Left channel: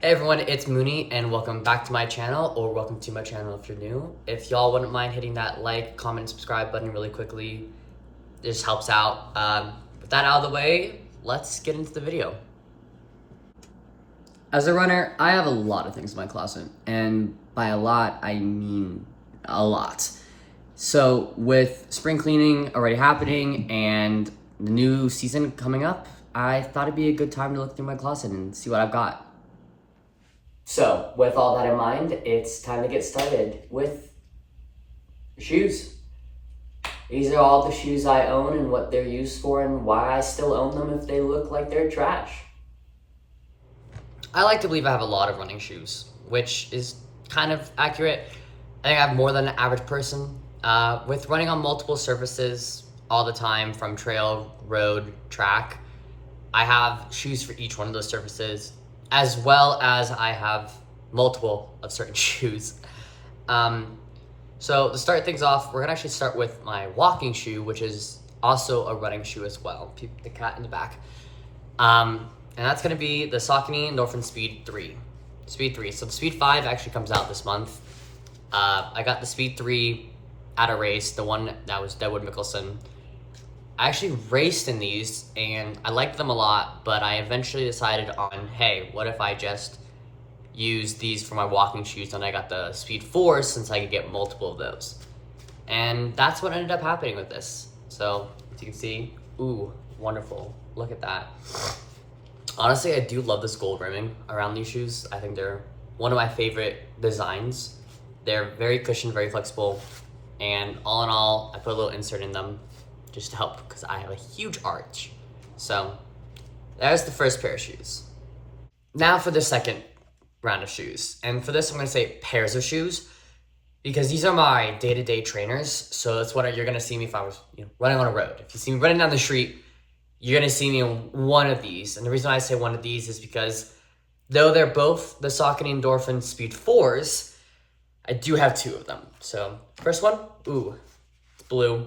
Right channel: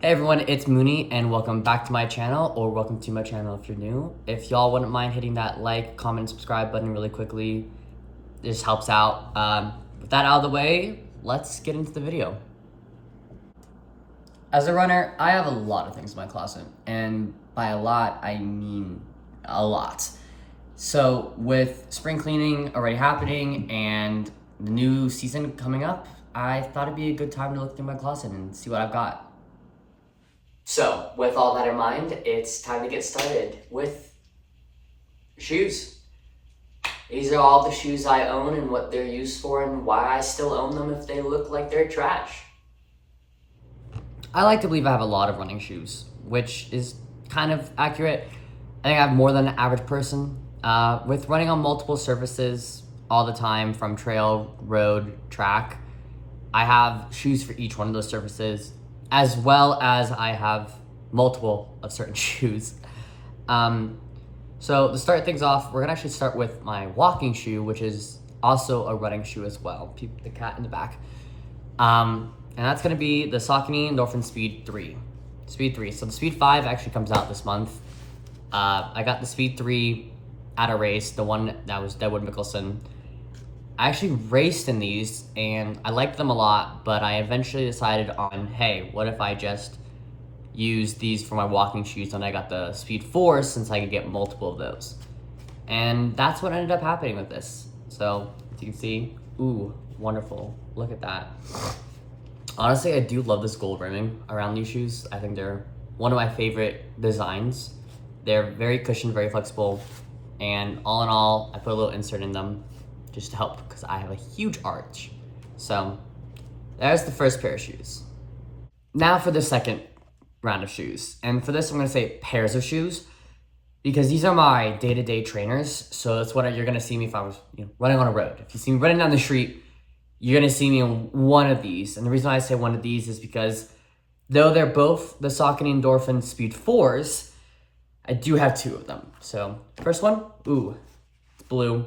Hey everyone, it's Mooney and welcome back to my channel, or welcome to my channel if you're new. If y'all wouldn't mind hitting that like, comment, and subscribe button really quickly, this helps out. With that out of the way, let's get into the video. As a runner, I have a lot of things in my closet, and by a lot, I mean a lot. So with spring cleaning already happening and the new season coming up, I thought it'd be a good time to look through my closet and see what I've got. So, with all that in mind, it's time to get started with shoes. These are all the shoes I own and what they're used for and why I still own them if they look like they're trash. I like to believe I have a lot of running shoes, which is kind of accurate. I think I have more than an average person. With running on multiple surfaces all the time, from trail, road, track, I have shoes for each one of those surfaces, as well as I have multiple of certain shoes. So to start things off, we're gonna actually start with my walking shoe, which is also a running shoe as well. Peep the cat in the back. And that's gonna be the Saucony Endorphin Speed 3. Speed 3, so the Speed 5 actually comes out this month. I got the Speed 3 at a race, the one that was Deadwood Mickelson. I actually raced in these and I liked them a lot, but I eventually decided on, hey, what if I just use these for my walking shoes? And I got the Speed 4 since I could get multiple of those. And that's what ended up happening with this. So as you can see, ooh, wonderful. Look at that. Honestly, I do love this gold rimming around these shoes. I think they're one of my favorite designs. They're very cushioned, very flexible. And all in all, I put a little insert in them just to help because I have a huge arch. So there's the first pair of shoes. Now for the second round of shoes. And for this, I'm gonna say pairs of shoes because these are my day-to-day trainers. So that's what you're gonna see me if I was running on a road. If you see me running down the street, you're gonna see me in one of these. And the reason I say one of these is because though they're both the Saucony Endorphin Speed 4s, I do have two of them. So first one, ooh, it's blue.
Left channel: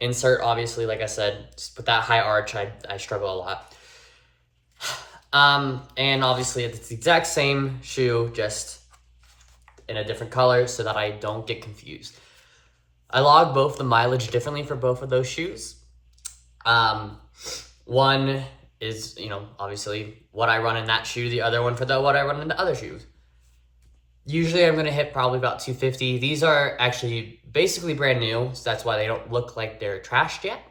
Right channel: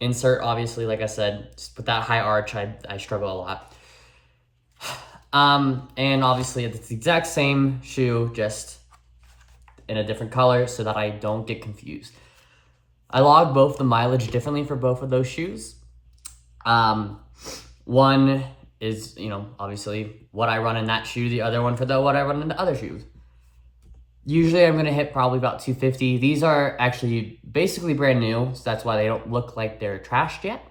Insert, obviously, like I said, just with that high arch, I struggle a lot. And obviously it's the exact same shoe, just in a different color so that I don't get confused. I log both the mileage differently for both of those shoes. One is, obviously what I run in that shoe, the other one for what I run in the other shoes. Usually I'm gonna hit probably about 250. These are actually basically brand new, so that's why they don't look like they're trashed yet.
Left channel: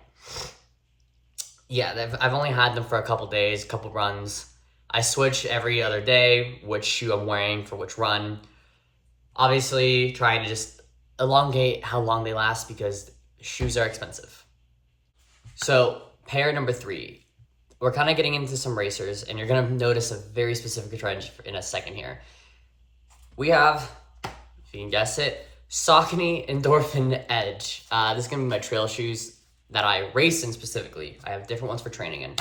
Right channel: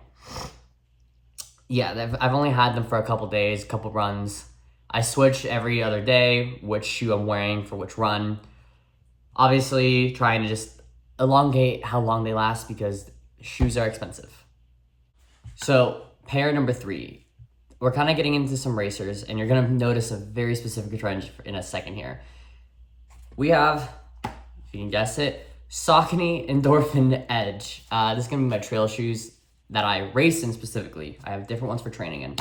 Yeah, I've only had them for a couple days, couple runs. I switch every other day which shoe I'm wearing for which run. Obviously trying to just elongate how long they last because shoes are expensive. So pair number 3. We're kind of getting into some racers and you're gonna notice a very specific trend in a second here. We have, if you can guess it, Saucony Endorphin Edge. This is gonna be my trail shoes that I race in specifically. I have different ones for training in.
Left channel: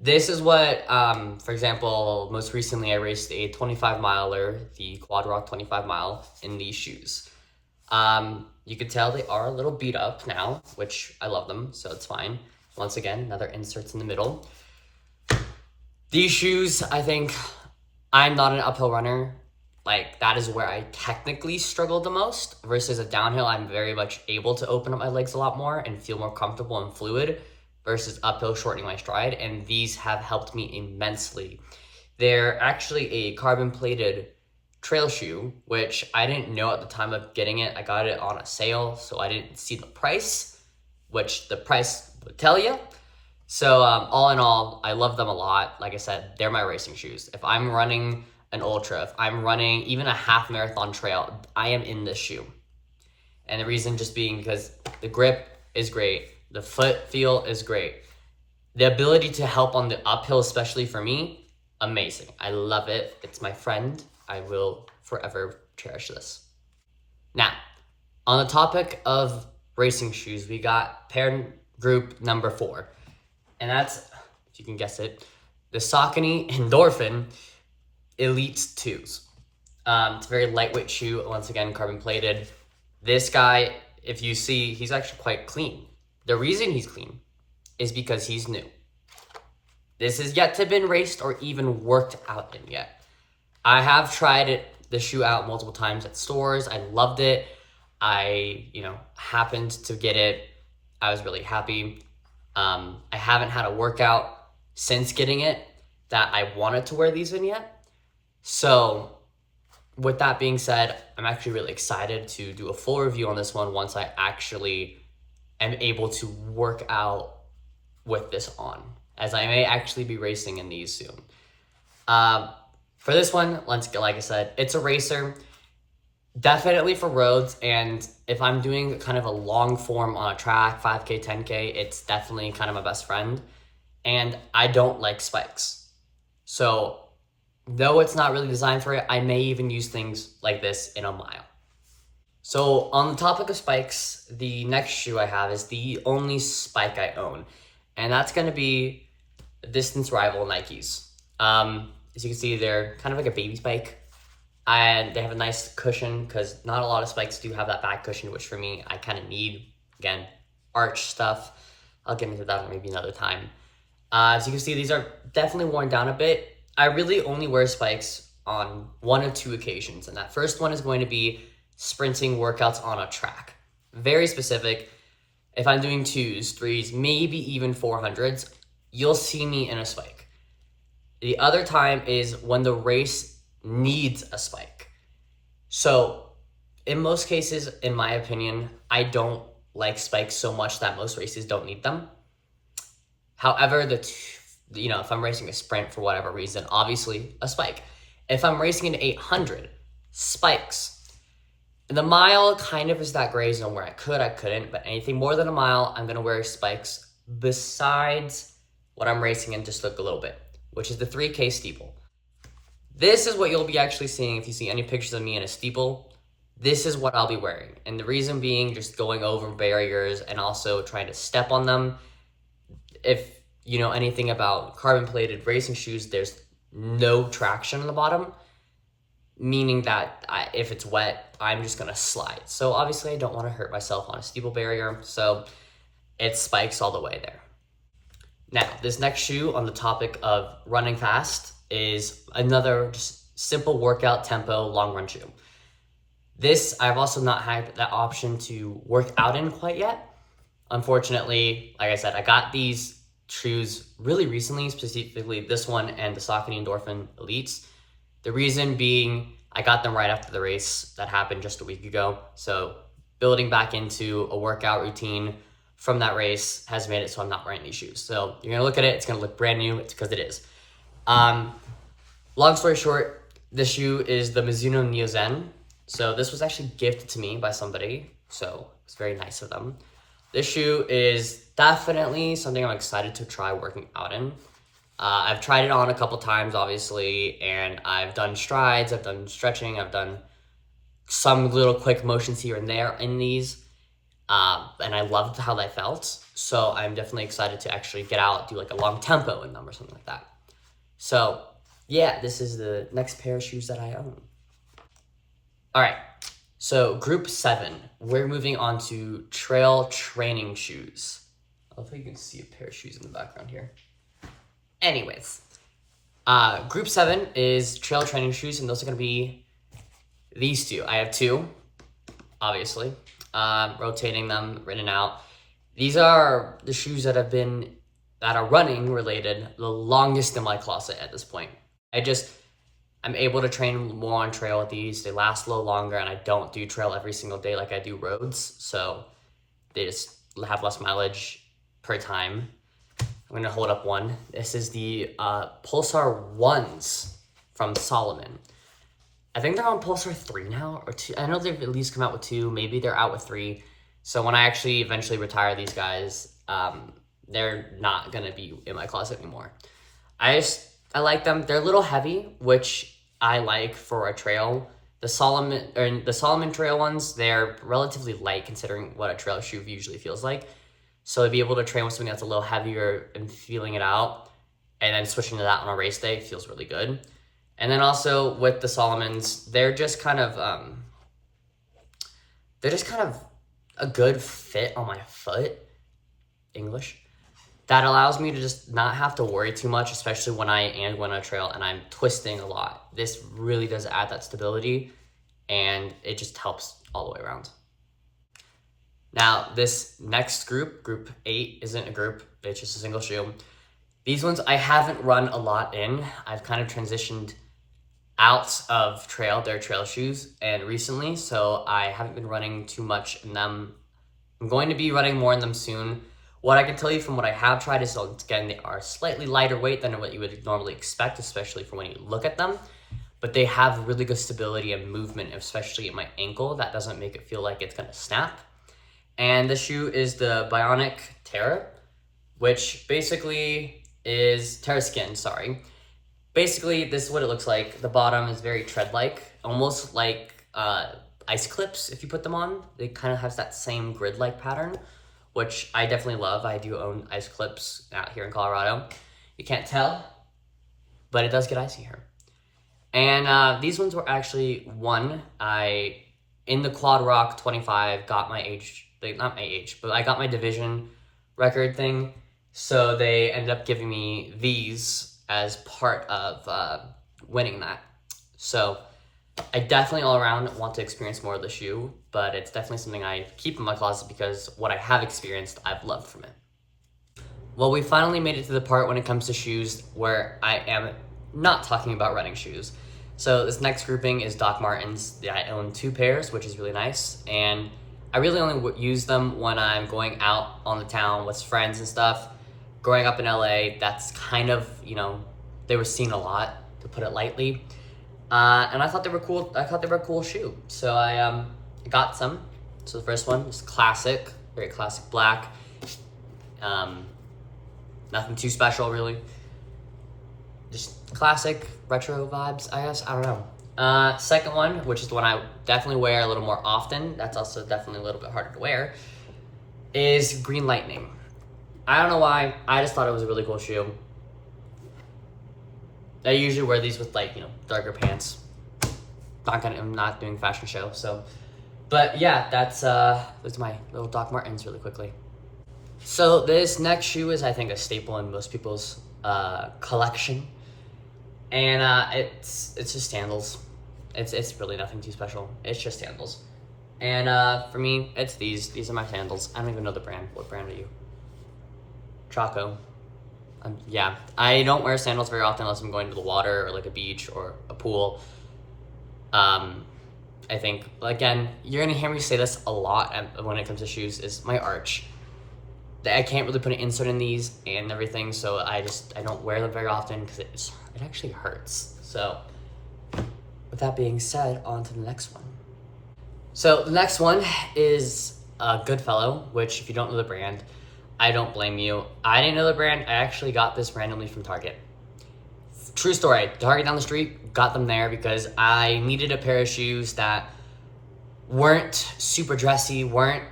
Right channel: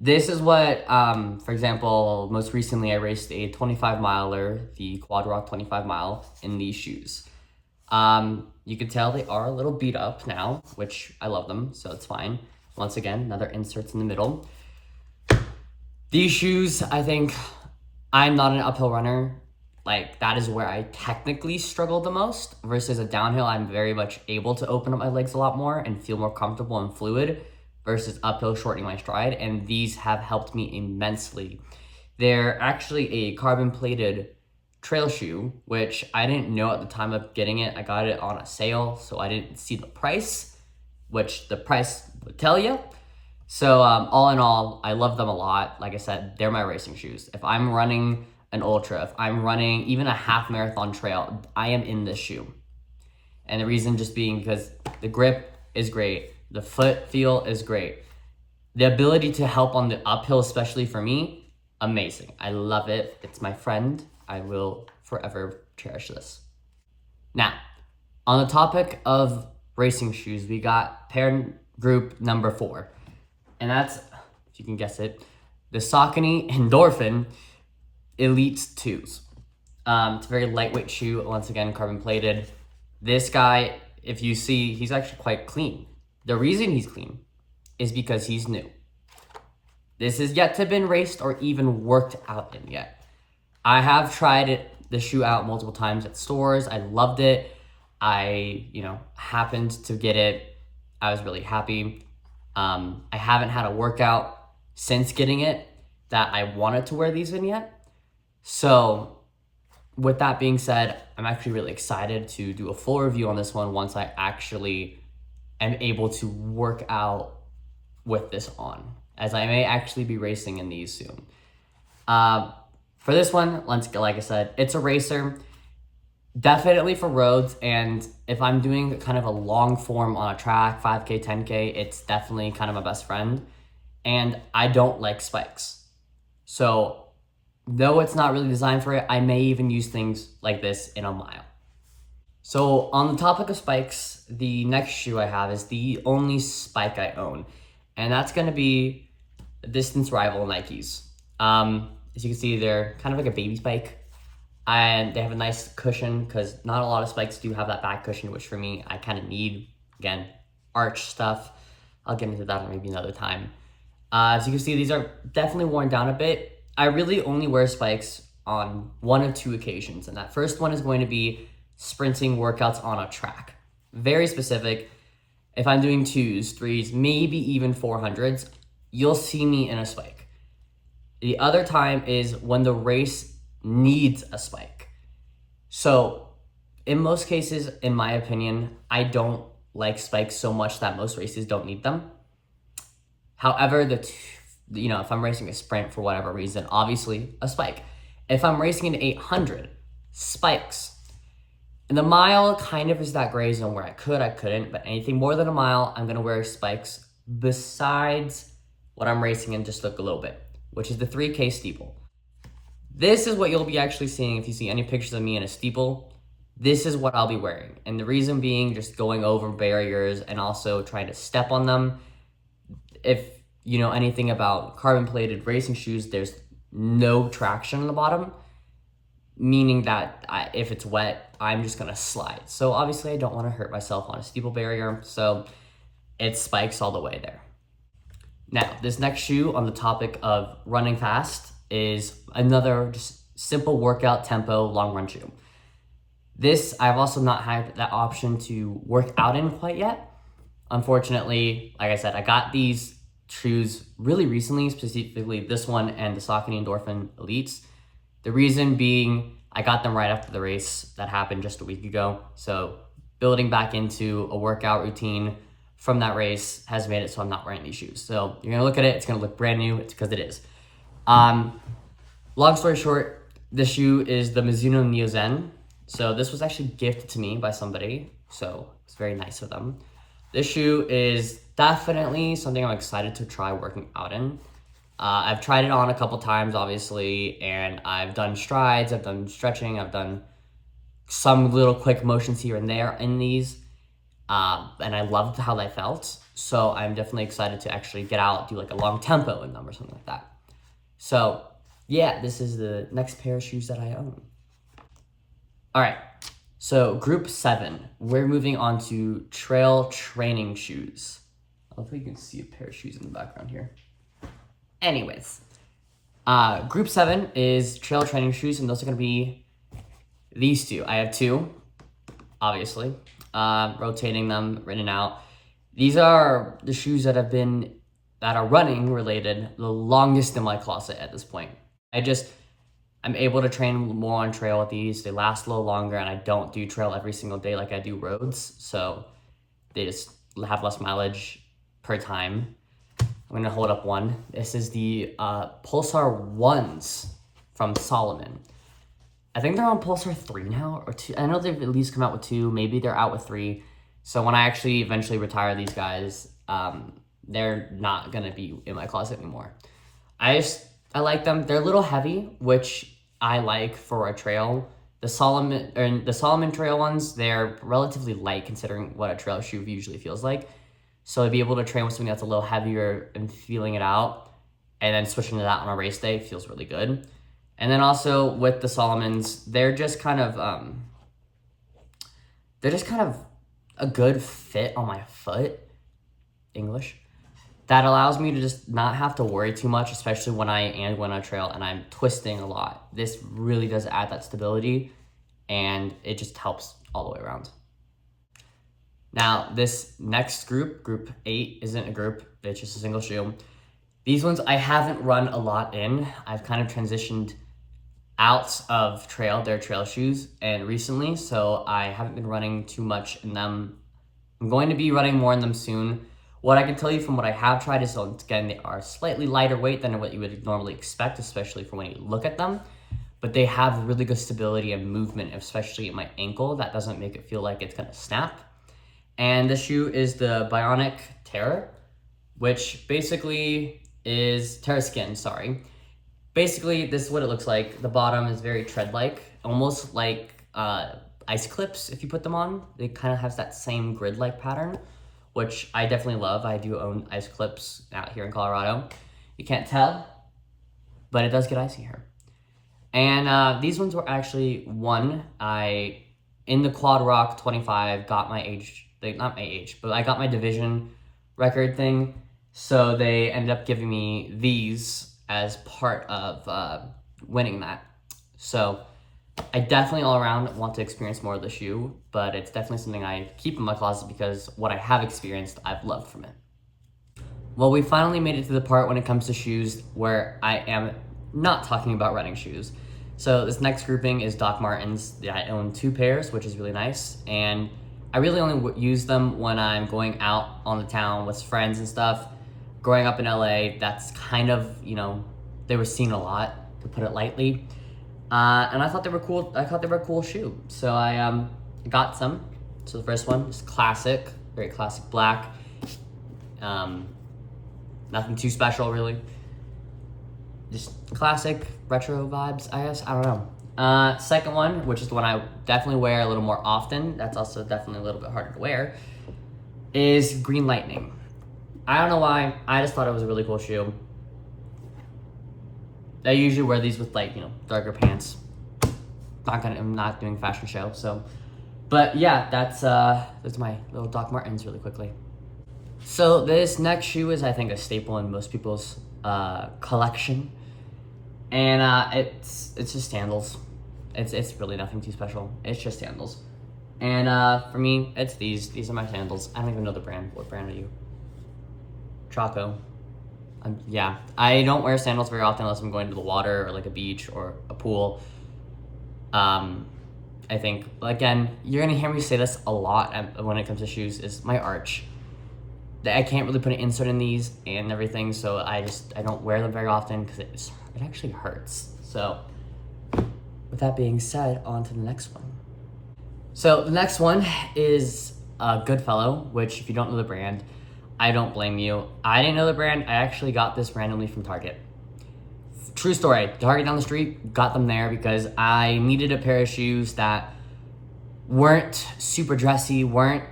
This is what, for example, most recently I raced a 25 miler, the Quad Rock 25 mile in these shoes. You can tell they are a little beat up now, which I love them, so it's fine. Once again, another inserts in the middle. These shoes, I think, I'm not an uphill runner. Like, that is where I technically struggle the most versus a downhill. I'm very much able to open up my legs a lot more and feel more comfortable and fluid versus uphill shortening my stride. And these have helped me immensely. They're actually a carbon plated trail shoe, which I didn't know at the time of getting it. I got it on a sale, so I didn't see the price, which the price would tell you. So all in all, I love them a lot. Like I said, they're my racing shoes. If I'm running an ultra, if I'm running even a half marathon trail, I am in this shoe. And the reason just being because the grip is great, the foot feel is great, the ability to help on the uphill, especially for me, amazing. I love it. It's my friend. I will forever cherish this. Now, on the topic of racing shoes, we got pair group number 4, and that's, if you can guess it, the Saucony Endorphin Elite 2s. It's a very lightweight shoe, once again, carbon plated. This guy, if you see, he's actually quite clean. The reason he's clean is because he's new. This is yet to been raced or even worked out in yet. I have tried the shoe out multiple times at stores. I loved it. I, happened to get it. I was really happy. I haven't had a workout since getting it that I wanted to wear these in yet. So, with that being said, I'm actually really excited to do a full review on this one once I actually am able to work out with this on, as I may actually be racing in these soon. For this one, like I said, it's a racer. Definitely for roads, and if I'm doing kind of a long form on a track, 5K, 10K, it's definitely kind of my best friend. And I don't like spikes. So, though it's not really designed for it, I may even use things like this in a mile. So, on the topic of spikes, the next shoe I have is the only spike I own, and that's going to be Distance Rival Nikes. As you can see, they're kind of like a baby spike, and they have a nice cushion because not a lot of spikes do have that back cushion, which for me, I kind of need. Again, arch stuff. I'll get into that maybe another time. As you can see, these are definitely worn down a bit. I really only wear spikes on one of two occasions, and that first one is going to be sprinting workouts on a track. Very specific. If I'm doing 2s, 3s, maybe even 400s, you'll see me in a spike. The other time is when the race needs a spike. So, in most cases, in my opinion, I don't like spikes so much that most races don't need them. However, if I'm racing a sprint for whatever reason, obviously a spike. If I'm racing an 800, spikes. And the mile kind of is that gray zone where I couldn't, but anything more than a mile, I'm gonna wear spikes besides what I'm racing in just look a little bit, which is the 3K steeple. This is what you'll be actually seeing if you see any pictures of me in a steeple. This is what I'll be wearing. And the reason being just going over barriers and also trying to step on them. If you know anything about carbon plated racing shoes, there's no traction on the bottom, meaning that if it's wet, I'm just gonna slide. So obviously I don't wanna hurt myself on a steeple barrier, so it spikes all the way there. Now, this next shoe on the topic of running fast is another just simple workout tempo long run shoe. This, I've also not had that option to work out in quite yet. Unfortunately, like I said, I got these shoes really recently, specifically this one and the Saucony Endorphin Elites. The reason being, I got them right after the race that happened just a week ago. So building back into a workout routine from that race has made it so I'm not wearing these shoes. So you're gonna look at it, it's gonna look brand new, it's because it is. Long story short, this shoe is the Mizuno Neo Zen. So this was actually gifted to me by somebody, so it's very nice of them. This shoe is definitely something I'm excited to try working out in. I've tried it on a couple times, obviously, and I've done strides, I've done stretching, I've done some little quick motions here and there in these, and I loved how they felt. So I'm definitely excited to actually get out, do like a long tempo in them or something like that. So yeah, this is the next pair of shoes that I own. All right, so group 7, we're moving on to trail training shoes. Hopefully you can see a pair of shoes in the background here. Anyways, group 7 is trail training shoes, and those are gonna be these two. I have two, obviously, rotating them in and out. These are the shoes that are running related the longest in my closet at this point. I'm able to train more on trail with these. They last a little longer, and I don't do trail every single day like I do roads, so they just have less mileage per time. I'm gonna hold up one. This is the Pulsar 1s from Salomon. I think they're on Pulsar 3 now, or 2. I know they've at least come out with 2. Maybe they're out with 3. So when I actually eventually retire these guys, they're not gonna be in my closet anymore. I like them. They're a little heavy, which I like for a trail. The Salomon trail ones, they're relatively light considering what a trail shoe usually feels like. So to be able to train with something that's a little heavier and feeling it out, and then switching to that on a race day feels really good. And then also with the Salomons, they're just kind of a good fit on my foot. English. that allows me to just not have to worry too much, especially when I am going on a trail and I'm twisting a lot. This really does add that stability, and it just helps all the way around. Now, this next group 8, isn't a group, it's just a single shoe. These ones I haven't run a lot in. I've kind of transitioned out of their trail shoes, and recently, so I haven't been running too much in them. I'm going to be running more in them soon. What I can tell you from what I have tried is, again, they are slightly lighter weight than what you would normally expect, especially for when you look at them. But they have really good stability and movement, especially at my ankle. That doesn't make it feel like it's gonna snap. And the shoe is the Bionic Terra, which basically is Terra Skin, sorry. Basically, this is what it looks like. The bottom is very tread-like, almost like ice clips if you put them on. It kind of has that same grid-like pattern, which I definitely love. I do own ice clips out here in Colorado. You can't tell, but it does get icy here. And these ones were actually in the Quad Rock 25, got my age, not my age, but I got my division record thing. So they ended up giving me these as part of winning that. So I definitely all around want to experience more of the shoe, but it's definitely something I keep in my closet because what I have experienced, I've loved from it. Well, we finally made it to the part when it comes to shoes where I am not talking about running shoes. So this next grouping is Doc Martens. Yeah, I own 2 pairs, which is really nice. And I really only use them when I'm going out on the town with friends and stuff. Growing up in LA, that's kind of, they were seen a lot, to put it lightly. And I thought they were cool. I thought they were a cool shoe. So I got some. So the first one is classic, very classic black. Nothing too special, really. Just classic retro vibes, I guess. I don't know. Second one, which is the one I definitely wear a little more often, that's also definitely a little bit harder to wear, is Green Lightning. I don't know why, I just thought it was a really cool shoe. I usually wear these with darker pants. I'm not doing fashion show, so. But yeah, that's my little Doc Martens really quickly. So this next shoe is, I think, a staple in most people's collection. And it's just sandals. It's really nothing too special. It's just sandals. And for me, it's these. These are my sandals. I don't even know the brand. What brand are you? Chaco. Yeah, I don't wear sandals very often unless I'm going to the water or like a beach or a pool. I think, again, you're gonna hear me say this a lot when it comes to shoes, is my arch. I can't really put an insert in these and everything, so I don't wear them very often because it actually hurts. So with that being said, on to the next one. So the next one is Goodfellow, which if you don't know the brand, I don't blame you. I didn't know the brand. I actually got this randomly from Target. True story, Target down the street, got them there because I needed a pair of shoes that weren't super dressy, weren't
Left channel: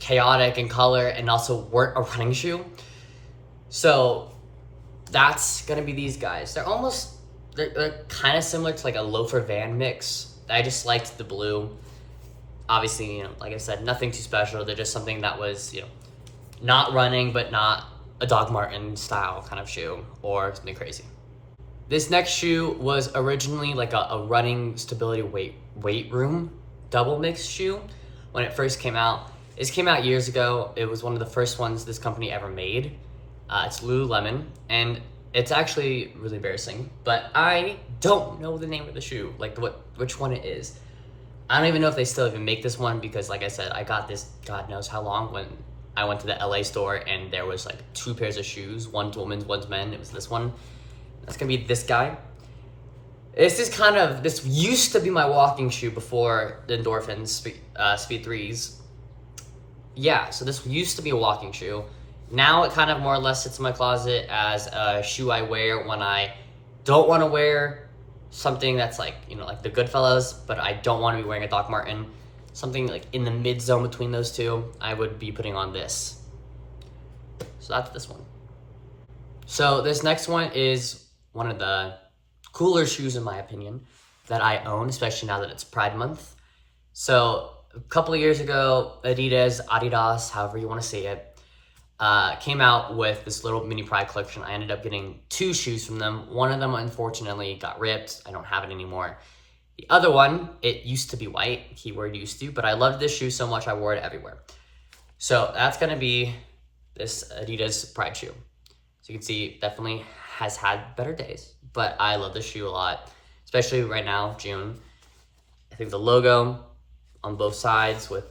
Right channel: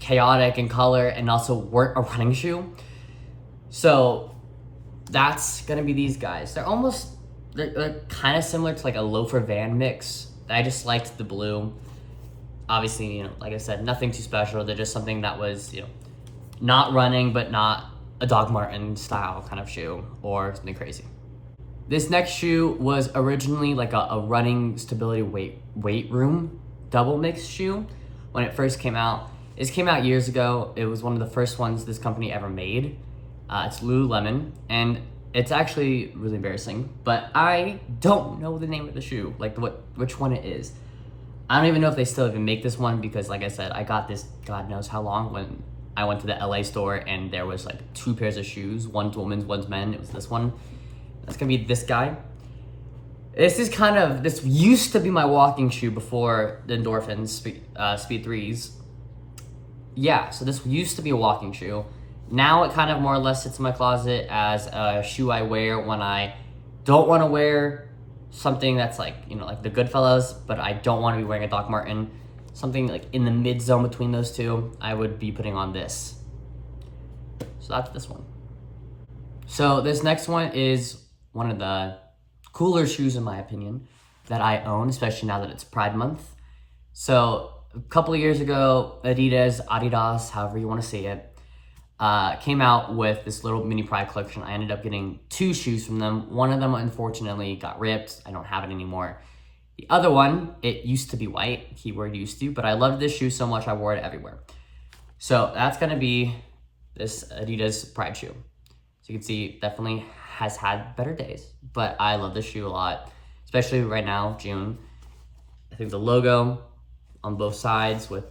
chaotic in color, and also weren't a running shoe. So that's gonna be these guys. They're kind of similar to like a loafer Van mix. I just liked the blue. Obviously, like I said, nothing too special. They're just something that was, not running, but not a Doc Marten style kind of shoe or something crazy. This next shoe was originally like a running stability weight room double mix shoe when it first came out. This came out years ago. It was one of the first ones this company ever made. It's Lululemon, and it's actually really embarrassing, but I don't know the name of the shoe, like which one it is. I don't even know if they still even make this one because, like I said, I got this God knows how long when I went to the LA store and there was like 2 pairs of shoes, one's women's, one's men. It was this one. That's gonna be this guy. This used to be my walking shoe before the Endorphins Speed 3s. Yeah, so this used to be a walking shoe. Now it kind of more or less sits in my closet as a shoe I wear when I don't want to wear something that's like, like the Goodfellas, but I don't want to be wearing a Doc Marten. Something like in the mid zone between those two, I would be putting on this. So that's this one. So this next one is one of the cooler shoes in my opinion that I own, especially now that it's Pride Month. So a couple of years ago, Adidas, however you want to say it, came out with this little mini Pride collection. I ended up getting 2 shoes from them. One of them, unfortunately, got ripped. I don't have it anymore. The other one, it used to be white, keyword used to, but I loved this shoe so much I wore it everywhere. So that's gonna be this Adidas Pride shoe. So you can see, definitely has had better days, but I love this shoe a lot, especially right now, June. I think the logo on both sides with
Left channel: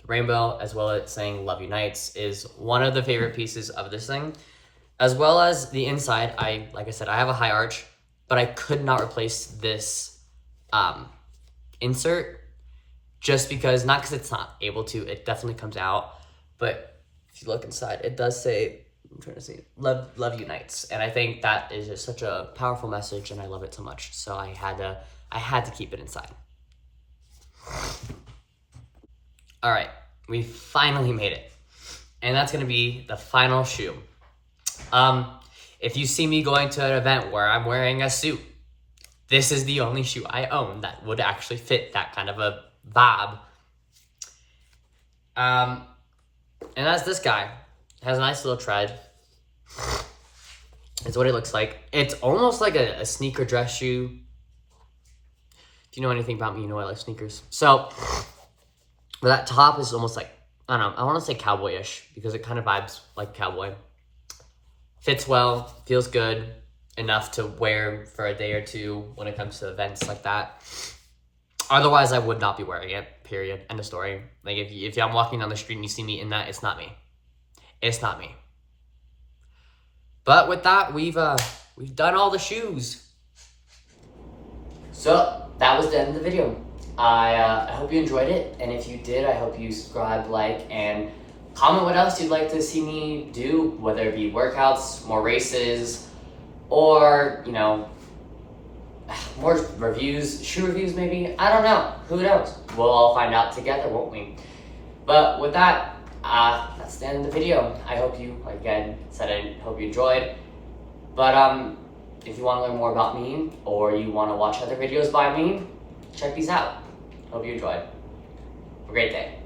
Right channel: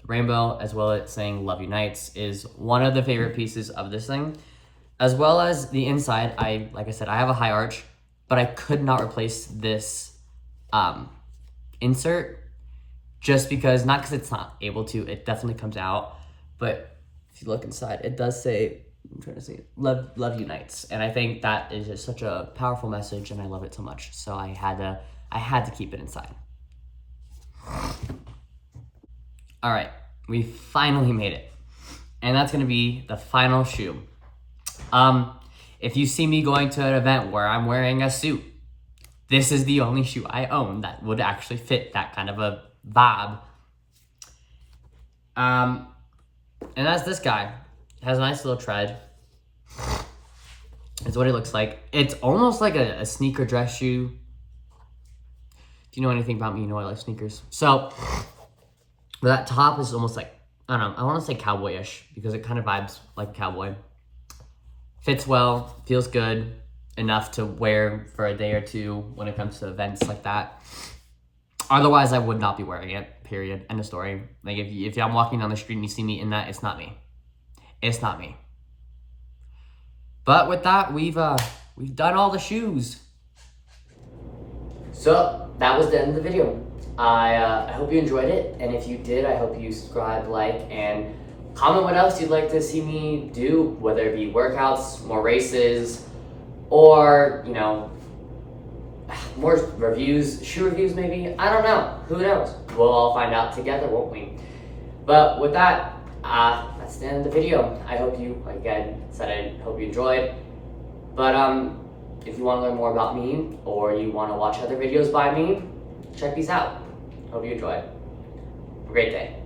the rainbow, as well as saying Love Unites, is one of the favorite pieces of this thing. As well as the inside, like I said, I have a high arch, but I could not replace this insert just because, not because it's not able to, it definitely comes out, but if you look inside, it does say, I'm trying to see, love unites. And I think that is just such a powerful message, and I love it so much. So I had to keep it inside. All right, we finally made it. And that's gonna be the final shoe. If you see me going to an event where I'm wearing a suit, this is the only shoe I own that would actually fit that kind of a vibe. And that's this guy. It has a nice little tread. It's what it looks like. It's almost like a sneaker dress shoe. If you know anything about me, you know I like sneakers. So that top is almost like, I don't know, I want to say cowboyish because it kind of vibes like a cowboy. Fits well, feels good enough to wear for a day or two when it comes to events like that. Otherwise, I would not be wearing it, period. End of story. Like, if I'm walking down the street and you see me in that, it's not me. It's not me. But with that, we've done all the shoes. So, that was the end of the video. I hope you enjoyed it, and if you did, I hope you subscribe, like, and comment what else you'd like to see me do, whether it be workouts, more races, or, you know, more reviews, shoe reviews maybe. I don't know. Who knows? We'll all find out together, won't we? But with that, that's the end of the video. I hope you, again, I hope you enjoyed. But if you want to learn more about me, or you want to watch other videos by me, check these out. Hope you enjoyed. Have a great day.